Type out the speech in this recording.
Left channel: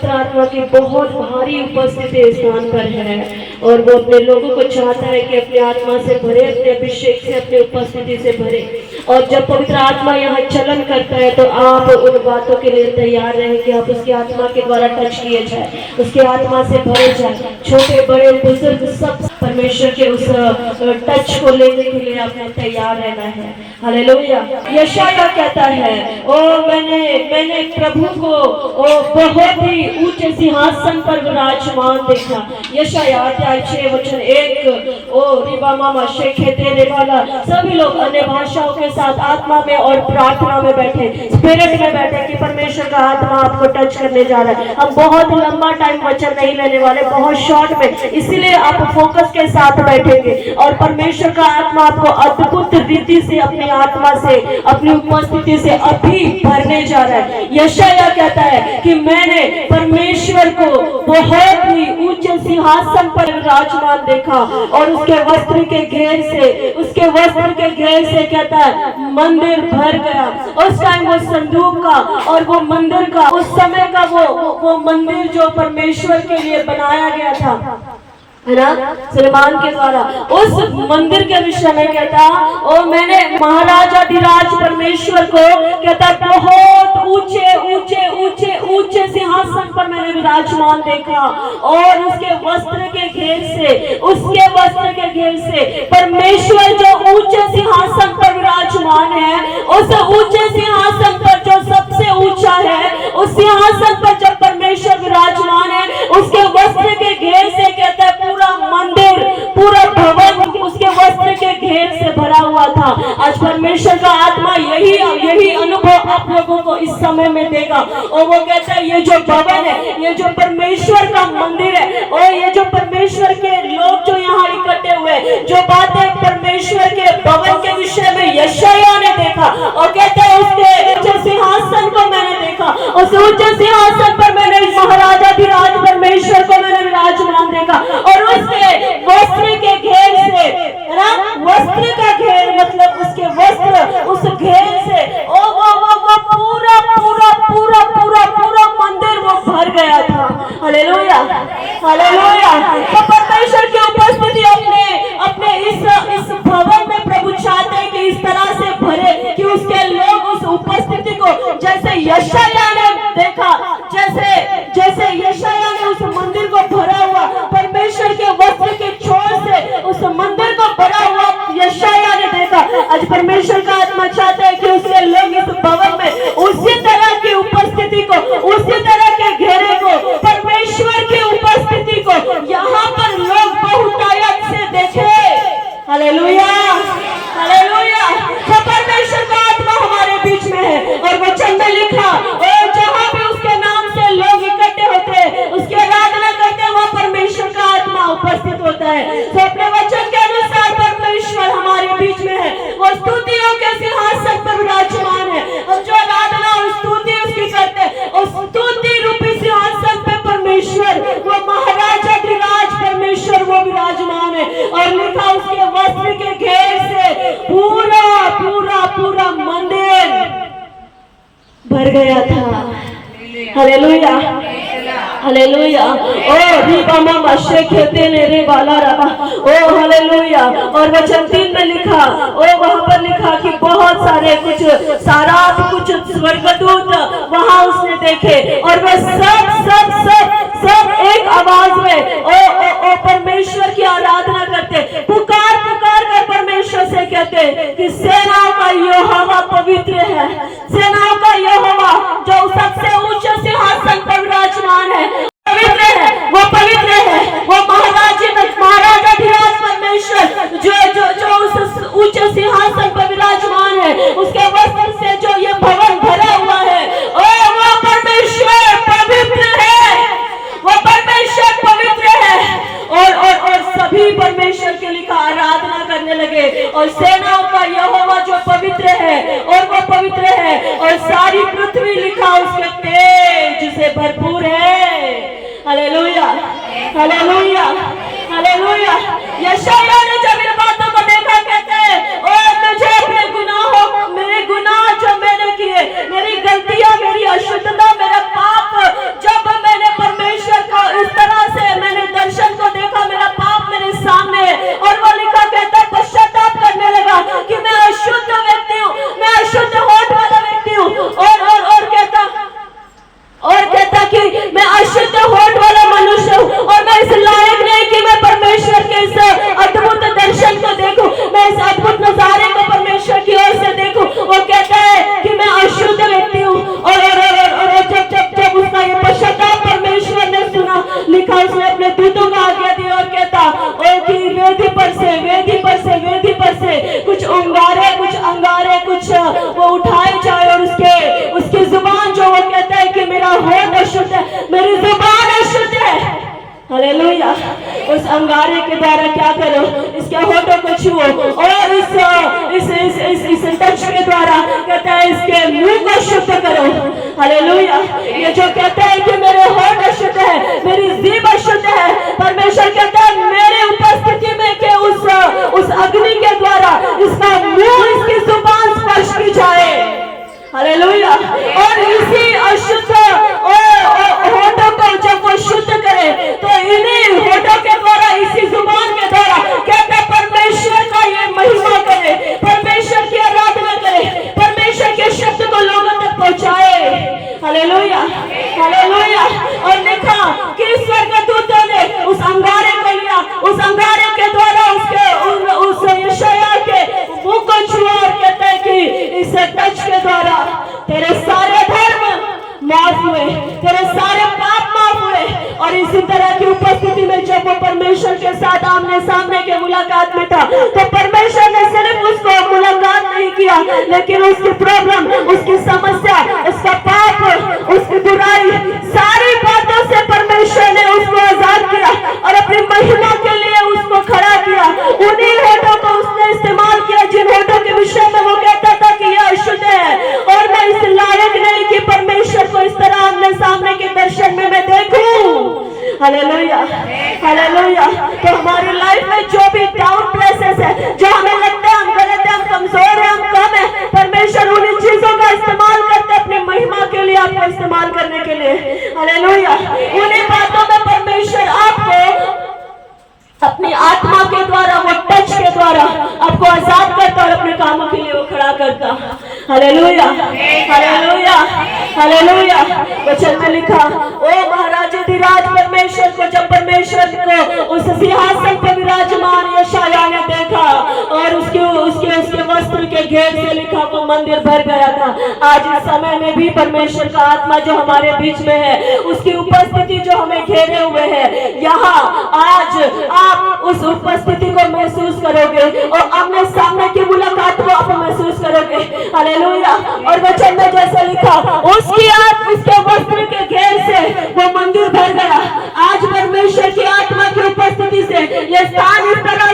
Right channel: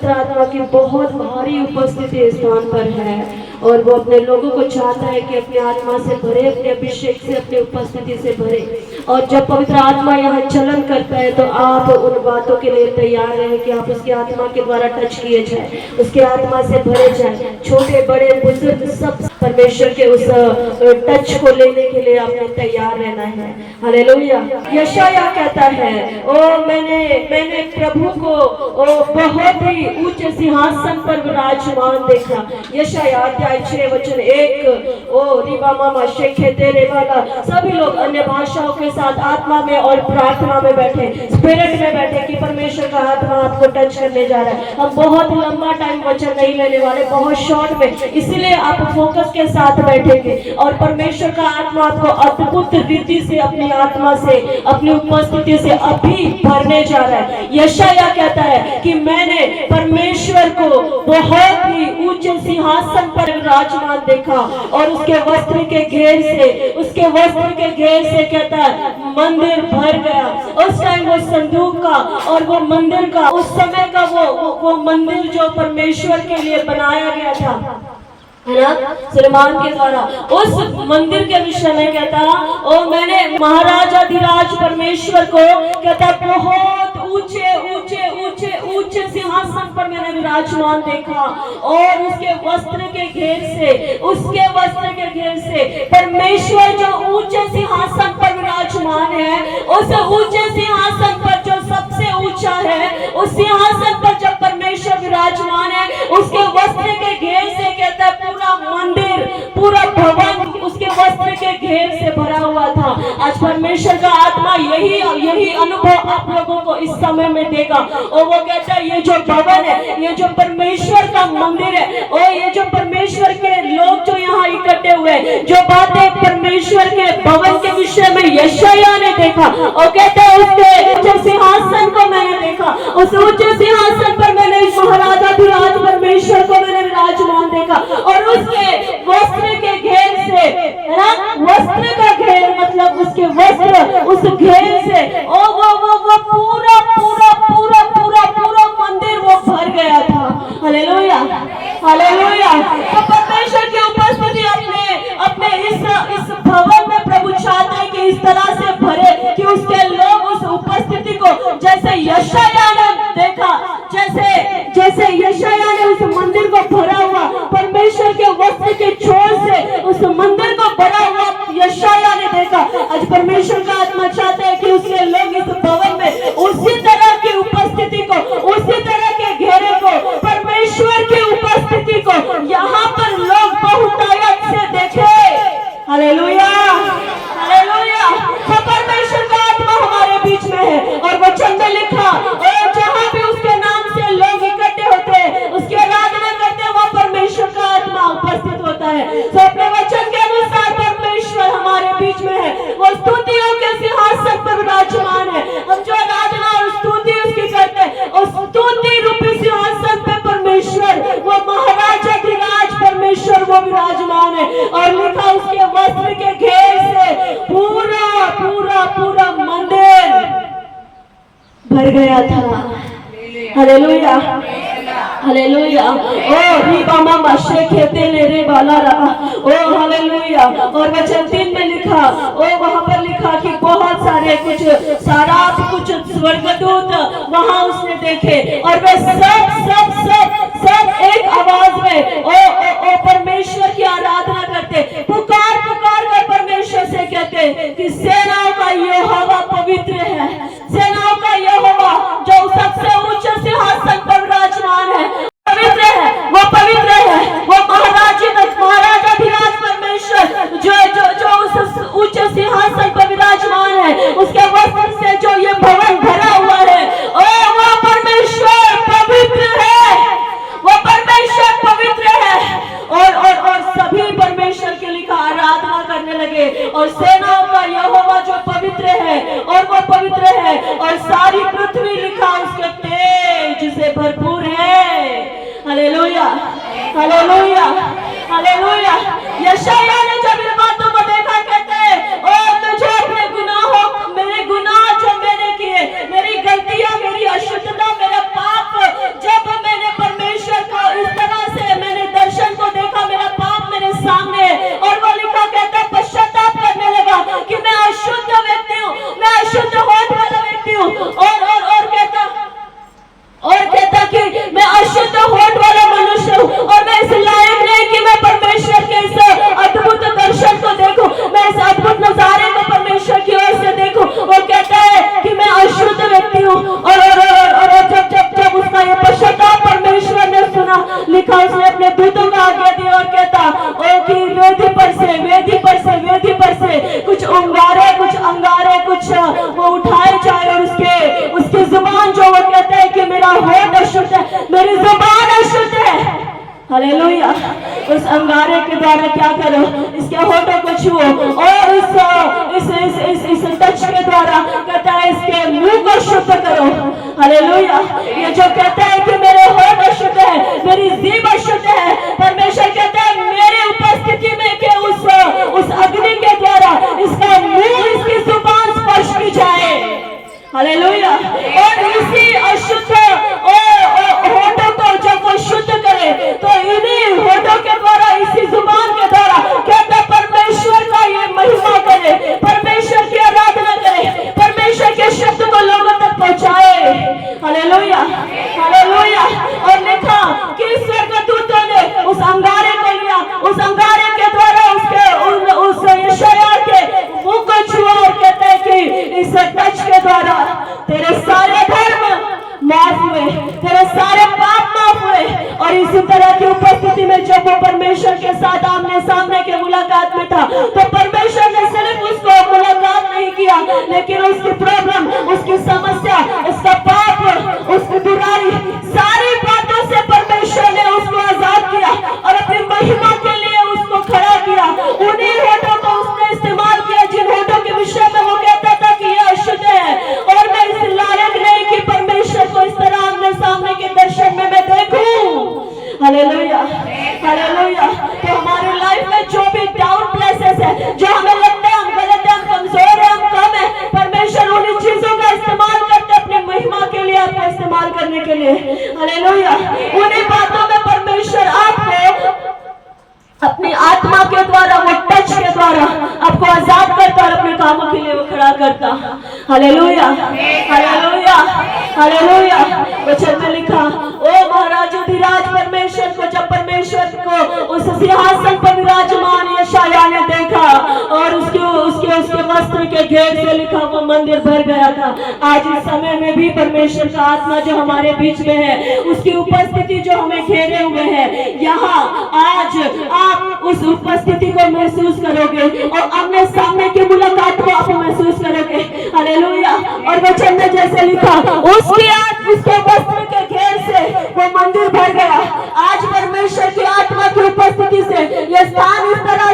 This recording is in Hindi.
पवित्र आत्मा की बहुत भारी उपस्थिति स्थान पर है और वो अपने लोगों को चाहता है कि अपनी आत्मा से भरे, अपने अभिषेक से, अपनी उपस्थिति से भरे। और जब पवित्र आत्मा यहाँ चलन करता है तो आप उन बातों के लिए तैयार रहें कि आप उसकी आत्मा के द्वारा टच किए जाए, उसकी आत्मा से भरे जाए। छोटे बड़े बुजुर्ग सब परमेश्वर के उस टच को लेने के लिए आपने तैयार रहना है। हालेलुया। यशाया कहता है, ओ मैंने प्रभु को बहुत ही ऊंचे सिंहासन पर विराजमान देखा। यशाया अध्याय 6:1। ओ रिबा मामा शेखे तेरे वाला, सभी लोग अन्य भाषाओं के साथ आत्मा में और प्रार्थना में बैठे, स्पिरिट में बैठे कि परमेश्वर का आत्मा आपको टच करने जा रहा है। हम बहुत लंबा टाइम वचन नहीं लेने वाले, बहुत शॉर्ट में, इसीलिए आप फोकस के साथ बैठेंगे और परमेश्वर का आत्मा आपको अद्भुत रीति से अपनी आत्मा से, अपनी उपस्थिति से अभी भरने जा रहा है। यशाया कहता है कि मैंने परमेश्वर को बहुत ही ऊंचे सिंहासन पर विराजमान देखा और उसके वस्त्र के घेर से कहता है मंदिर भर गया। उस टाइम वो संदूक का और वो मंदिर का, उस समय का वो मंदिर जो परमेश्वर के लिए बनाया गया था, है ना, सुलेमान के द्वारा, उस मंदिर के विषय में कहता, और मैंने महाराजाधिराज परमेश्वर को कहता बहुत ऊंचे ऊंचे ऊंचे ऊंचे सिंहासन पर मैंने विराजमान देखा और उसके वस्त्र के घेर से परमेश्वर जो ऊंचे सिंहासन पर विराजमान है, उस ऊंचे सिंहासन पर जो सबसे ऊंचा है, उस सिंहासन पर जब परमेश्वर विराजमान है, उसके वस्त्र के घेर से कहता है पूरा मंदिर, पूरा भवन उसके वस्त्र के घेर से भरा हुआ था। आज परमेश्वर का आत्मा यही अनुभव आप लोगों को इस समय में देगा। और वो कहता है ये जो भवन है, ये जो परमेश्वर का मंदिर है, और ये जो परमेश्वर के लोग जो यहाँ इकट्ठे हुए, जो बातें परमेश्वर के भवन के विषय में यशाया ने देखा, और कहते हैं उसके ऊंचे सिंहासन को मैंने देखा, उस ऊंचे सिंहासन पर मैंने महाराजाधिराज परमेश्वर को मैंने विराजमान देखा और उसके वस्त्र के घेर से, है ना, वस्त्र का घेर मतलब उसके वस्त्र, उस घेर से और वो पूरा मंदिर वो भर गया था। Hallelujah, hallelujah. तो परमेश्वर की उपस्थिति अपने इस भवन में प्रभु चाहते हैं कि इस तरह से भरे कि उसके लोग उस उपस्थिति को, जैसे यशाया ने देखा, जैसे यशाया ने उस मंदिर को भरा हुआ, परमेश्वर के वस्त्र के छोर से उस मंदिर को भरा हुआ यशाया ने देखा। आज परमेश्वर का आत्मा चाहता है कि उसके लोग इस भवन में उसी तरह की उपस्थिति को, उसी तरह के घेरे को, परमेश्वर की उपस्थिति को यहाँ पर लोग बहुतायत से देखे। Hallelujah, hallelujah. तो परमेश्वर का आत्मा हमारे बीच में है और वचन में लिखा, और जहाँ भी उसके नाम से लोग इकट्ठे होते हैं, उसकी आराधना करते हैं, वहाँ परमेश्वर का आत्मा उपस्थित होता है। तो अपने वचन के अनुसार परमेश्वर हमारे बीच में है, वो स्तुतियों के सिंहासन पर विराजमान है। और जो आराधना और स्तुति उसकी करते हैं, उस स्तुति रूपी सिंहासन पर परमेश्वर, वो महाराजाधिराज परमेश्वर वो विराजमान है। और लिखा उसके वस्त्र के घेर से पूरा मंदिर भर गया था। Hallelujah, hallelujah. ओ रीबा मामा शेखे तेरे रे बाला रबा, ओ हालेलुया। और वचन 3 में लिखा, ओ वहां पर लिखा कि बहुत सारे कुछ स्वर्गदूत वहां उसने देखे और वे सब एक आवाज में ओ परमेश्वर की आराधना करते, पुकार कर परमेश्वर से कहते कि सेनाओं का यहोवा पवित्र है, सेनाओं का यहोवा जो सबसे ऊंचे सिंहासन पर विराजमान है, पवित्र है, वो पवित्र है, वो महाराजाधिराज परमेश्वर जो उस ऊंचे सिंहासन पर विराजमान है, उसके वस्त्र से जो ये भवन भरा हुआ है, ओ वो परमेश्वर पवित्र है, वो परमेश्वर पवित्र है। और सभी परमेश्वर के लिखा आराधना करने लगे। और सेनाओं का यहोवा जो पवित्र है, और वो पवित्र है, और सारी पृथ्वी लिखा उसके तेज से भरपूर है। Hallelujah, hallelujah, hallelujah. यशाया ने जब इन बातों को देखा, कहते हैं और मुझे अपने मेरे गुनाह जो मैंने किए, मेरी गलतियां, मेरी अशुद्धता, मेरा पाप जब मैंने इस अद्भुत नजारे को परमेश्वर की ओर से देखो। वो कहता है कि मैं अशुद्ध व्यक्ति हूँ, और जब उसका ये पश्चाताप परमेश्वर ने सुना, लिखा उसने अपने दूतों को आज्ञा दी और कहता कि वेदी पर से कुछ अंगारे कुछ वो उठाए जाए, और उसकी जुबान जो वो कहता है कि मेरा होठ अशुद्ध है, मेरी जुबान अशुद्ध है। हालेलुया। उस अंगारे के द्वारा क्या करो, इसके होठों को छुओ, और इस टच के द्वारा कहता है इसके मुंह को शुद्ध करो। हालेलुया। ये जो कहता है कि मेरे होठ अशुद्ध है, मेरी जीभ अशुद्ध है, परमेश्वर कहता है मेरे उपस्थिति में के उस अग्नि के द्वारा इसका मुंह, इसकी जुबान स्पर्श की जाए। हालेलुया। और इसी अशुद्ध होठों को जब वो शुद्ध करे, तो इन्हीं होठों के द्वारा, इसी जुबान के द्वारा कहते परमेश्वर का ये महिमा करे, परमेश्वर की आराधना करे, परमेश्वर के शब्द को लोगों तक पहुंचाए। Hallelujah, hallelujah. और लिखा कि स्वर्गदूतों ने उस अंगारे को लिया, उस अंगारे के द्वारा उस यशायाह के मुंह को छुआ, और कहता है कि इस टच के द्वारा तेरे सारे धर्म माफ हुए, तेरे सारे पाप माफ हुए। और इसी तरह की उपस्थिति में जब वो परमेश्वर के साथ आमने सामने के मुलाकात में था, तो परमेश्वर ने सिर्फ उसको मुलाकात नहीं किया, लेकिन उसकी प्रॉब्लम, उसकी समस्या, उसका पाप, उसकी बुराई, सारी बातों से परमेश्वर ने उसको आजाद किया और अपनी महिमा के लिए उसको खड़ा किया। उन्हीं होठों को उसने इस्तेमाल किया जिन होठों के विषय में वो कहता था कि यह अशुद्ध है, और मैं इस लायक नहीं कि परमेश्वर को इस तरह आमने सामने के दर्शन में मैं देखूं। Hallelujah, hallelujah. तो हमारी लाइफ में जो भी डाउन प्लेसेस है, जो हमें लगता है हम गलत है, हम कमजोर है, हम कम है, परमेश्वर उन्हीं चीजों का इस्तेमाल करते हैं अपनी महिमा के लिए, आपको इस्तेमाल करने के लिए। हालेलुया। उन्हीं बातों में परमेश्वर आपको अपनी आत्मा के द्वारा, वो टच के द्वारा आपको आजाद करता और अपने कामों के लिए वो खड़ा करता। Hallelujah, hallelujah, hallelujah. वचन में लिखा, ओ महाराज अधिराज परमेश्वर को, जब परमेश्वर को उस सिंहासन पर विराजमान यशायाह ने देखा, और उसके वस्त्र के घेर से लिखा वो मंदिर भर गया था। आज इस समय में भी परमेश्वर का आत्मा जो हमारे बीच में है, उसकी उपस्थिति जो हमें घेरे हुए है, यहाँ आज आप उस उपस्थिति को महसूस करोगे और आमने सामने की मुलाकात को आप महसूस करोगे। हालेलुया। और वचन में जैसे लिखा, उसके वस्त्र के घेर से वो मंदिर भर गया। आज परमेश्वर की आत्मा की उपस्थिति से ये स्थान इस तरह